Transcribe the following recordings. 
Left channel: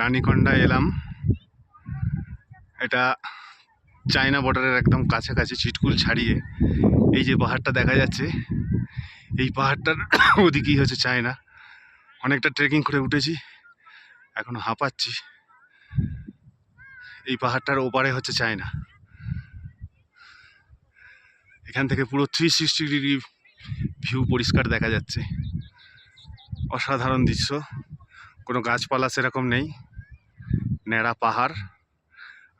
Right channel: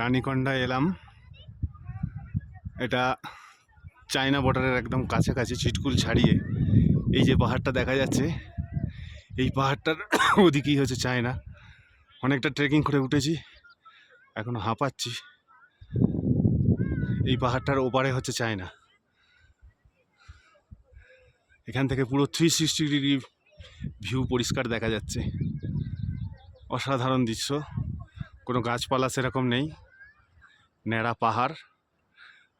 রানীকন্ডায় এলাম। এটা চায়না বর্ডারের একদম কাছাকাছি, চিটকুল ছাড়িয়ে এই যে পাহাড়টা দেখা যাচ্ছে, এই পাহাড়টার ওদিকেই হচ্ছে চায়না। অনেকটা ট্রেকিং করে উঠেছি, এখনো হাঁপাচ্ছি। এই পাহাড়টার ওপারে হচ্ছে চায়না। এখান থেকে পুরো 360 ডিগ্রি ভিউ পরিষ্কার দেখা যাচ্ছে। অসাধারণ দৃশ্য। কোনো গাছপালা সেরকম নেই, ন্যাড়া পাহাড়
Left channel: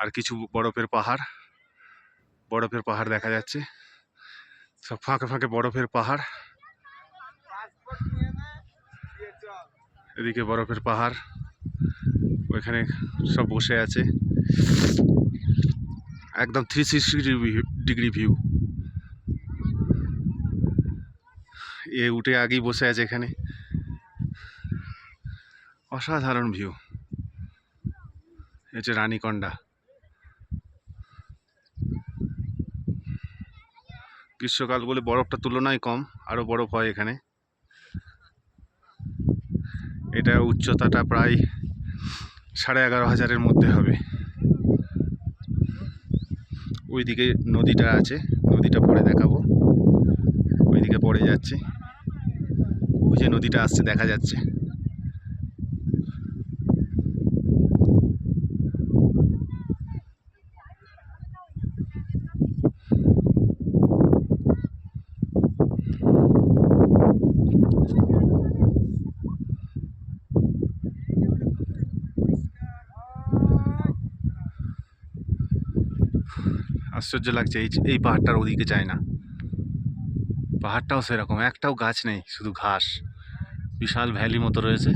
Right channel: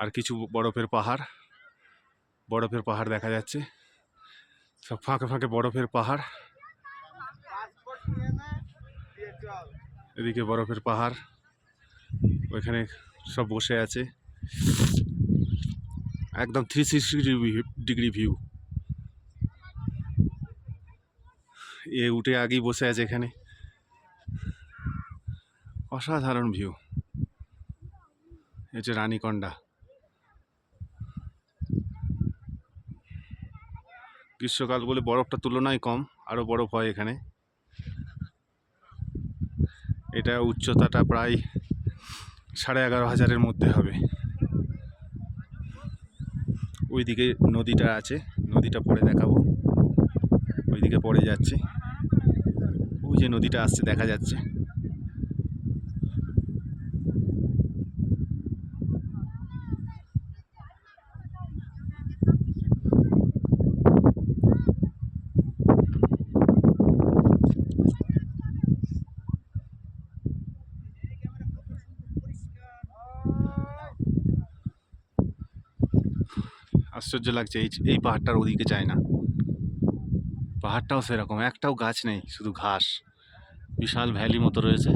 আর কিছু বরফের পাহাড়। বরফের পাহাড় দেখা যাচ্ছে, সব ফাঁকে ফাঁকে বরফের পাহাড়। এদিকে বরফের পাহাড়, ওইখানে সব বসে আছে। একদম 360 ডিগ্রি ভিউ। এ উঠে আগেই বসে আছে এখানে। অসাধারণ ভিউ। এই যে রানীকন্ডা। গ্রীষ্মকাল বলে বরফটা তুলনায় কম, আরও বরফ হয় এখানে। এটা উচ্চতাটা প্রায় 11,500-এর মধ্যে হবে। ওইদিকে নদীটা আছে, নদীটা পরে দেখাবো। ওইদিকে পড়ে যাচ্ছে, ওই যে নদীটা আসছে দেখা যাচ্ছে। আশ্চর্য লাগছে, এই পাহাড়টার ওদিকে যায় না। পাহাড়টাও সেরকম, একটাও গাছ নেই, শুধু ঘাস। বিশাল ভ্যালি মতো রয়েছে।